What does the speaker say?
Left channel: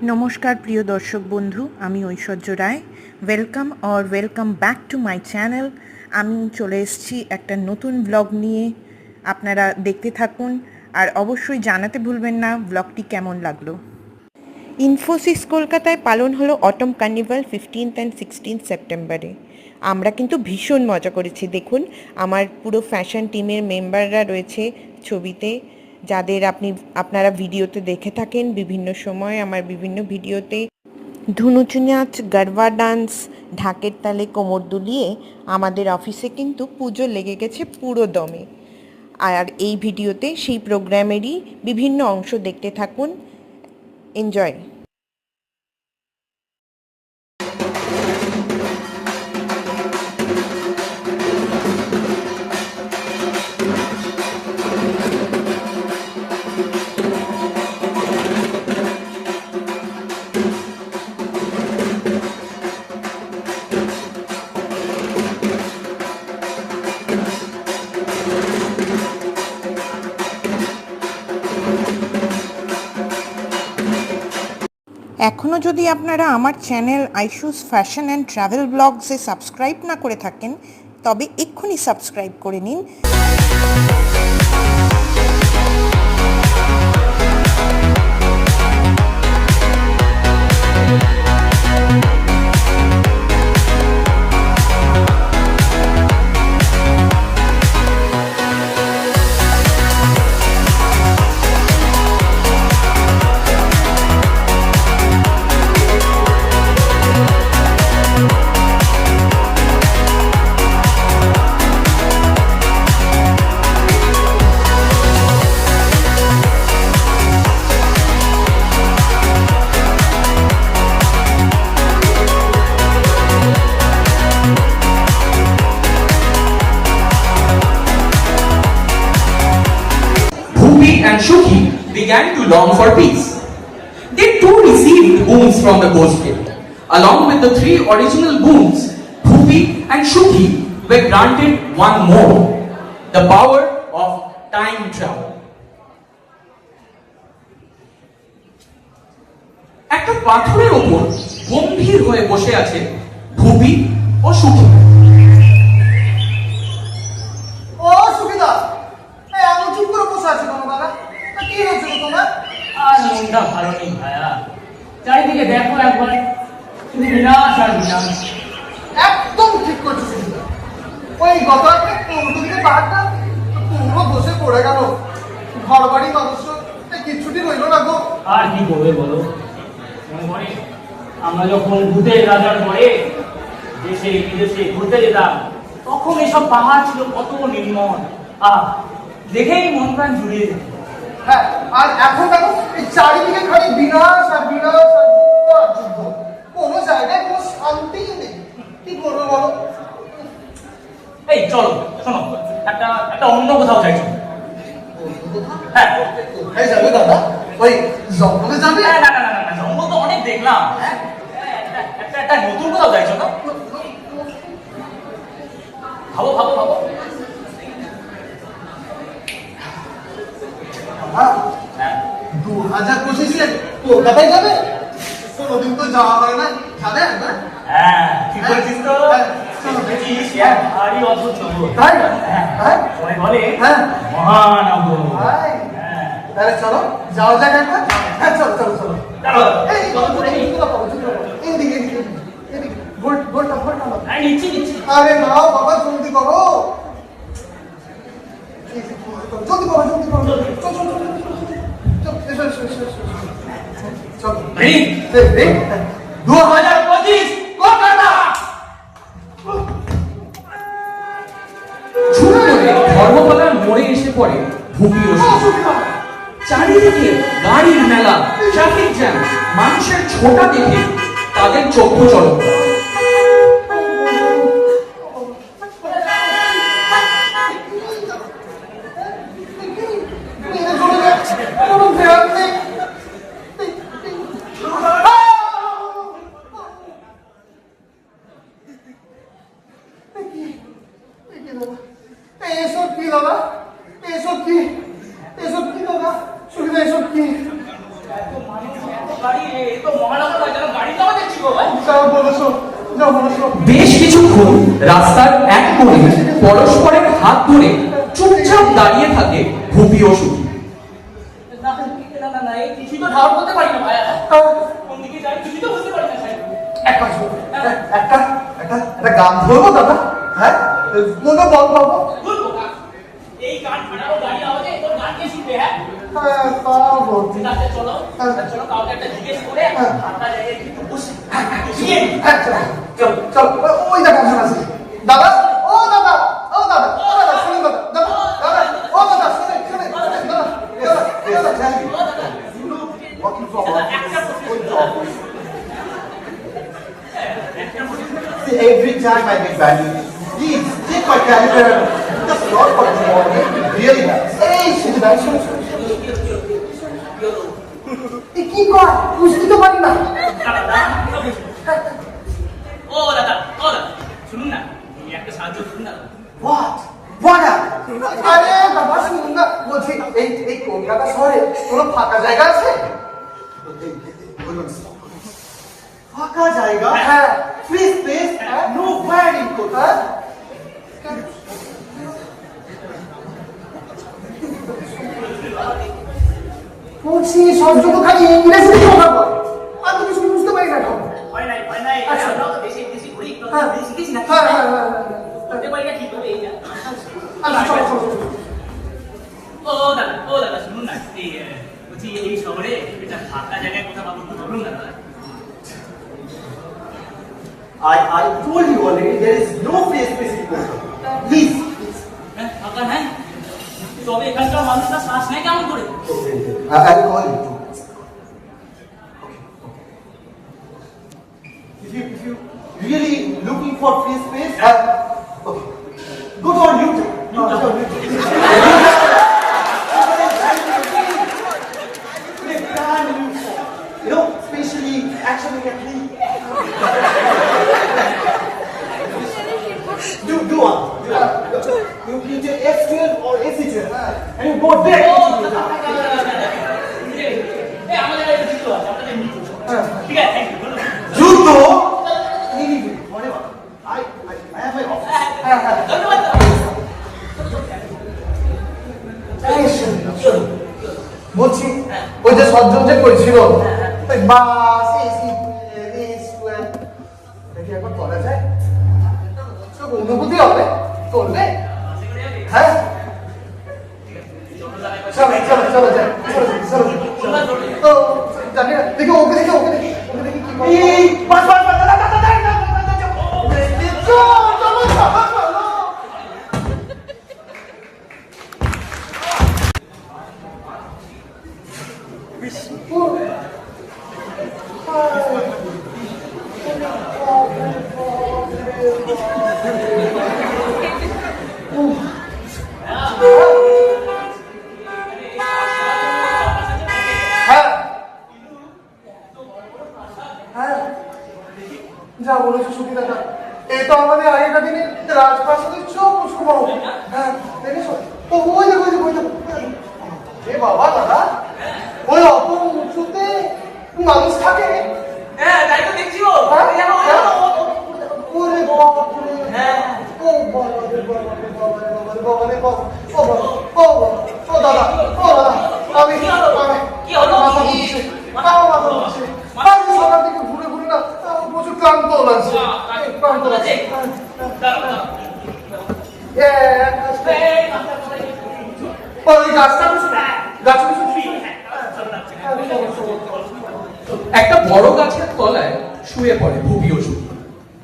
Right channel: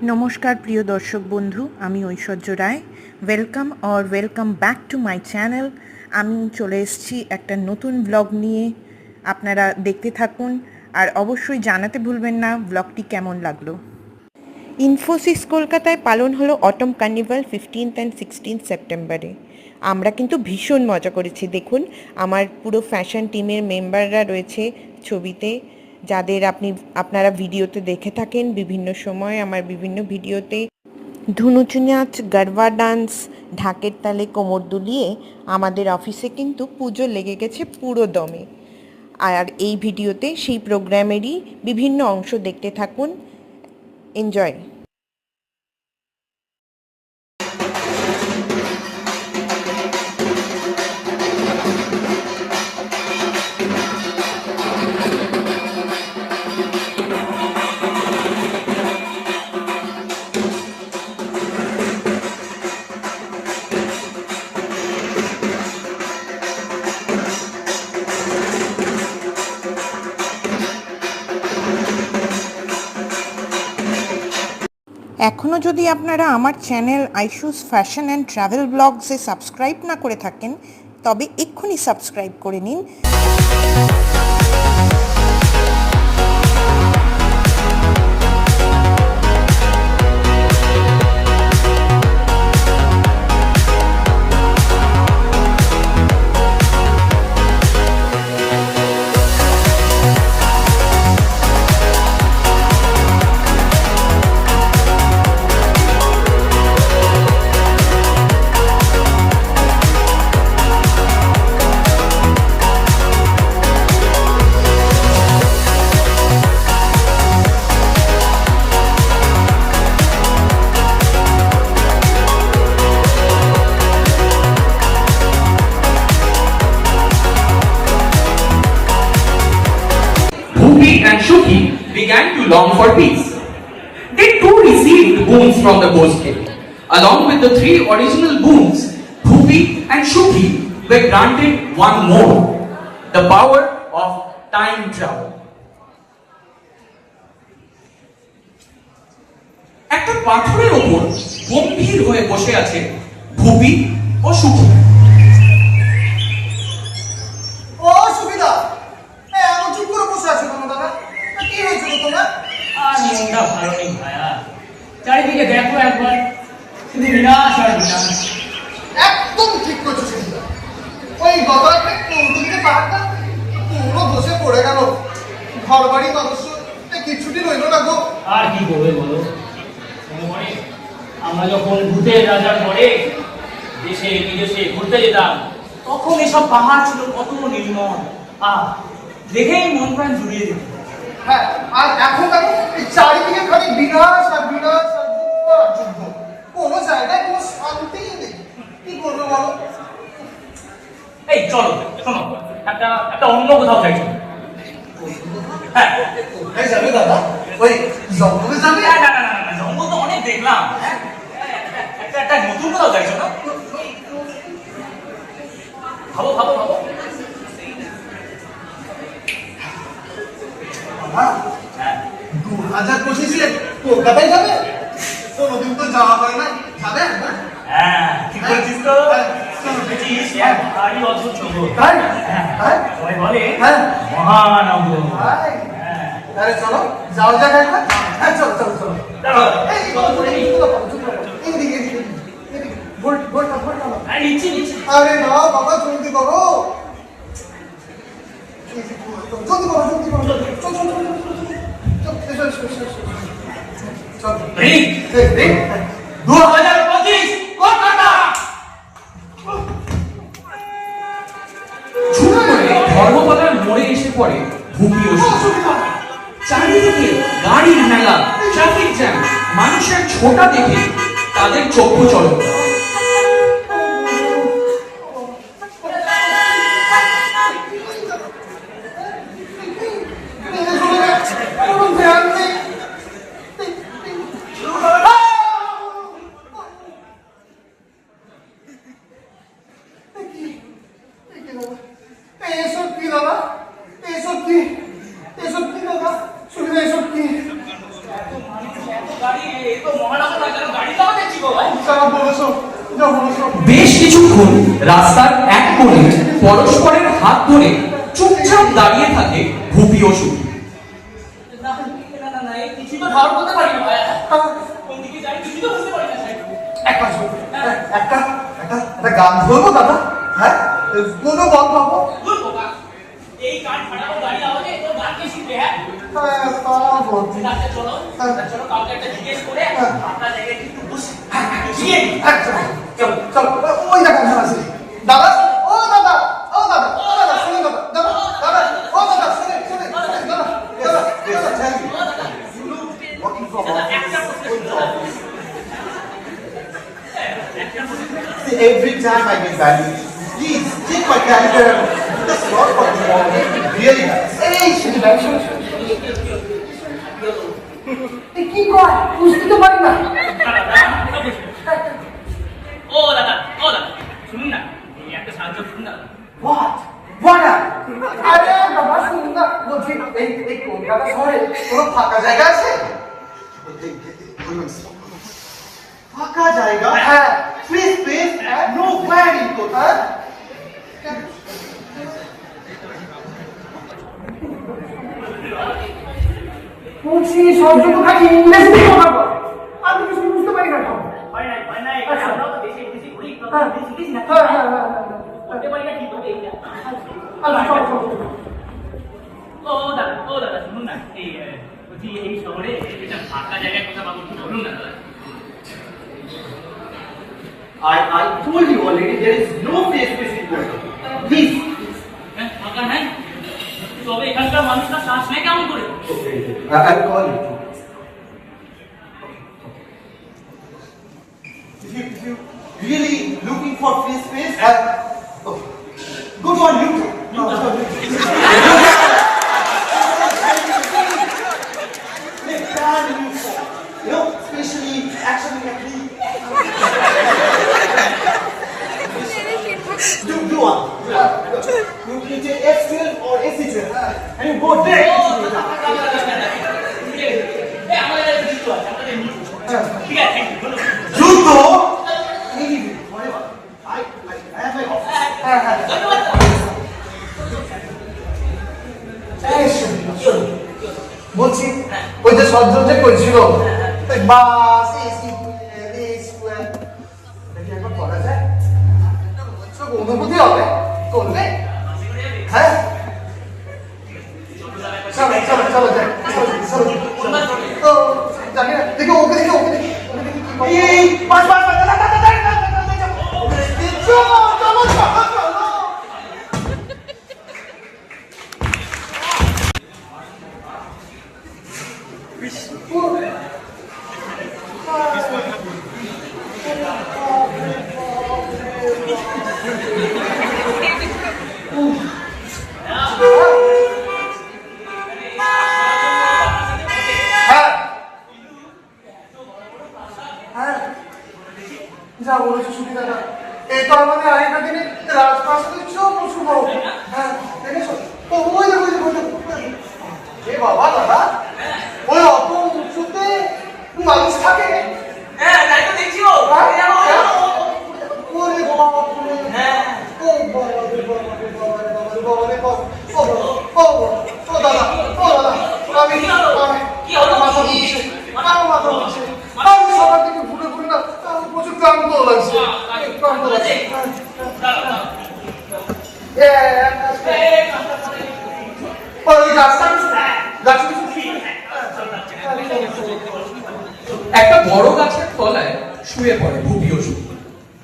नमस्कार प्रिय दर्शक बंधु आमी Aishwarya Rai welcome back to my channel. आमी चले एसेछि एकटा नतून ब्लग निये, आपनारा देखते थाकुन और अवश्यई जानाते भूलबेन ना ब्लगटी केमन लागलो। इनफोसिस कलकाताय पालन हलो अटम कार्निवल 15 एंड 16 सेप्टेम्बरे। আমরা কিন্তু ভীষণ মজা করেছি। দেখুন আমার পুরো ফ্যাশন টিমের মেম্বাররা রয়েছে ছবিতে, যাদের আপনারা ভিডিওতে দেখে থাকেন বিভিন্ন সময় আমার বিভিন্ন ভিডিওতে। ধুনুচি নাচ, গরবা ডান্স, ঢাকের তালে কোমর দুলিয়ে আমাদের অফিসে কিন্তু পুজো লেগে গেছে পুরো দমে। আর এই ভিডিওতে সেই প্রোগ্রামেরই বিভিন্ন অংশ দেখতে থাকুন। এনজয়। এখনও যদি আপনারা আমার channel Aishu's fashion and travel ব্লগসে সাবস্ক্রাইব না করে থাকেন তবে এক্ষুনি সাবস্ক্রাইব করে নিন। Bhupi and Shukhi began to long for peace. They too received boons from the ghost king. Along with the three original boons, Bhupi and Shukhi were granted one more, the power of time travel. একটা পাথরের উপর গম্ভীর হয়ে বসে আছে ভুপি ও সুখী। চারিদিকে দেখো একবার, শুধু বিনাশ আর বিনাশ। একদম ঠিক করছো। ওই গতকালকে কৌতুকে পাহাড়টা পুরো বসে পড়ে গেল। ঘর বাড়ির অবশ্য কিছুটি রইল না গো। আর কি করবে বলো? মনে আমরা যখন ভূতের রাজার ঘরে দেশে বিদেশে ঘুরতে যেতাম তখন এসব পাহাড় ছিল কত নির্মল, দেখেই মন প্রাণ জুড়িয়ে যেত। হ্যাঁ, আর এখন দেখো চারিদিকে খালি বিনাশ আর বিনাশ আর যুদ্ধ। কোনো জায়গায় কোনো শান্তি নেই। কি করবো বলো? এই চলো শোনো, একটা অন্য কোথাও যাই। হ্যাঁ যাবে দাদা, ওই জঙ্গলে যাবে? না, জঙ্গল তো অনেক দেখলাম। একটা নতুন কোথাও যাইছো না? ভাবো 2025 কলকাতায় যাবে? কোনোদিন তো যাওয়া হয় না, যাবে না? হ্যাঁ ঠিক বলছিস তো। ভারী অদ্ভুত শহর। সবাই বলে মহানগর। তাহলে চলো যাওয়া যাক একবার। হ্যাঁ চলো। আরে না বাবা, জলদি করো। জলদি করো। চল। 2025 কলকাতা। ধর্মতলার মোড়ে এসে পড়ে ভুপি ও সুখী। চারিদিকে গাড়ির মেলা, ট্রাফিক জ্যাম, মানুষের ছোটা দেখে তাদের চক্ষু চলক। এসব কি দাদা? এসব কি দাদা? শুনলে এসব কি? গাড়ি এ তো মহানগর যেন গাড়ি পাওয়া যাচ্ছি গো ভাই। যাও বলেছো, যাও বলেছো। বেশ কিছুক্ষণ রাস্তার এক কোণে পরস্পরের হাত ধরে চুপচাপ দাঁড়িয়ে থাকে ভূপি ও সুখী। না, না, না, এই কিছু তো ধার করতে পারি না ভাই। কোন দিকে যাই কিছু তো বুঝতে পারি না ভাই। এক কাজ করো, একটা গান বলবো দাদা? হ্যাঁ, কোনো গান গাবো? ভুল বোকা। এই গান ফাটানো গাড়ি আওয়াজে তোর গান কে শিখবে হ্যাঁ? হ্যাঁ, তা বলছি। রাতে চলো, চলো কাউকে একটা জিজ্ঞেস করে আপনার জায়গায় একটু বসে গিয়ে হ্যাঁ, চলো, চলো, চলো, ওই দেখো একজন আছে। দাদা, ও দাদা, ও দাদা, ও দাদা, শুনে দাদা, দাদা, দাদা, ও দাদা, শুনে, শুনে, দাদা, দাদা, দাদা, walking from একটা প্রশ্ন করতে every time I get value, please take my calendar. That's not what you want. Really? Hey, শুনে দাও, শুনে, শুনে। কি কর? বুঝতে তো পারি না। ও দাদা, শুনুন না, এই একটা সাহায্য করুন না। What? What? আরে বাবা শুনুন না, বলছি এই কলকাতা শহরে কোনো ফাঁকা জায়গা আছে? ফাঁকা জায়গা? হ্যাঁ, ফ্রি স্পেস, নো ভ্যারি কোথায়? বলছি সব যত খালি ইংরেজিতে কথা বল, আমি কিছু বুঝতে পারি না। হয় নাই, আচ্ছা। আমরা তো দেশে ঘুরি, হ্যাঁ, দেশে শিখেছি না। হ্যাঁ, হ্যাঁ, হ্যাঁ, করতে পারি না ঠিক হবে এই যা। আচ্ছা, চলো, চলো, চলো। ও দাদা, শুনুন না, এই বলছি এই শহরে এটা ফাঁকা জায়গায় কোথা পাবো একটু বলুন না দাদা। I told you already there is no free space in Kolkata. Please. হ্যাঁ, ফাঁকা নাই, তবে এখানকার মানুষরা শ্বাস নেয় কেমন করে? I'll call you. If you really looking for free space, okay. Go on YouTube. You know, especially action technique. Do one. You take S12 or AC12 and you go there. এই আমাদের কাছে দিতে হবে, আপনাদের এমনি করছে। ঠিক আছে, থ্যাংক ইউ, ধন্যবাদ। Judo. Whatever. I have a. ধন্যবাদ। বলছি ওই যে সজ্জন যে করছিল ওই বাস এসি দেখি একবার করা যায় অনুভূতি হবে করলে হ্যাঁ চলো চলো চলো যাই চলো চলো তো জানি না দেখো ওকে দেখি ওকে দেখি এই বাস বাস যা বলেছো সুবিধাটা এটা আমাদের আরেকটা দিনে রাজপ্রাসাদের সব প্রচুর বড় হ্যাঁ দেখেছো তো ওই দেখো এ বাবা দাদা ওই অত উঁচুতে মানুষ থাকে হ্যাঁ, তাই তো দেখছি গো। ওরে বাবা হ্যাঁ। ও বাবা ও দাদা আমি কি হলো? মাথা ঘুরছে মাথা ঘুরছে আমি সকাল থেকে ঘুরে ঘুরে না প্রচুর ক্লান্ত লাগছে ক্লান্ত লাগছে ওই গাছটা একটা বড় গাছের তলায় শুয়ে পড়ে ভূপি ও সুখী।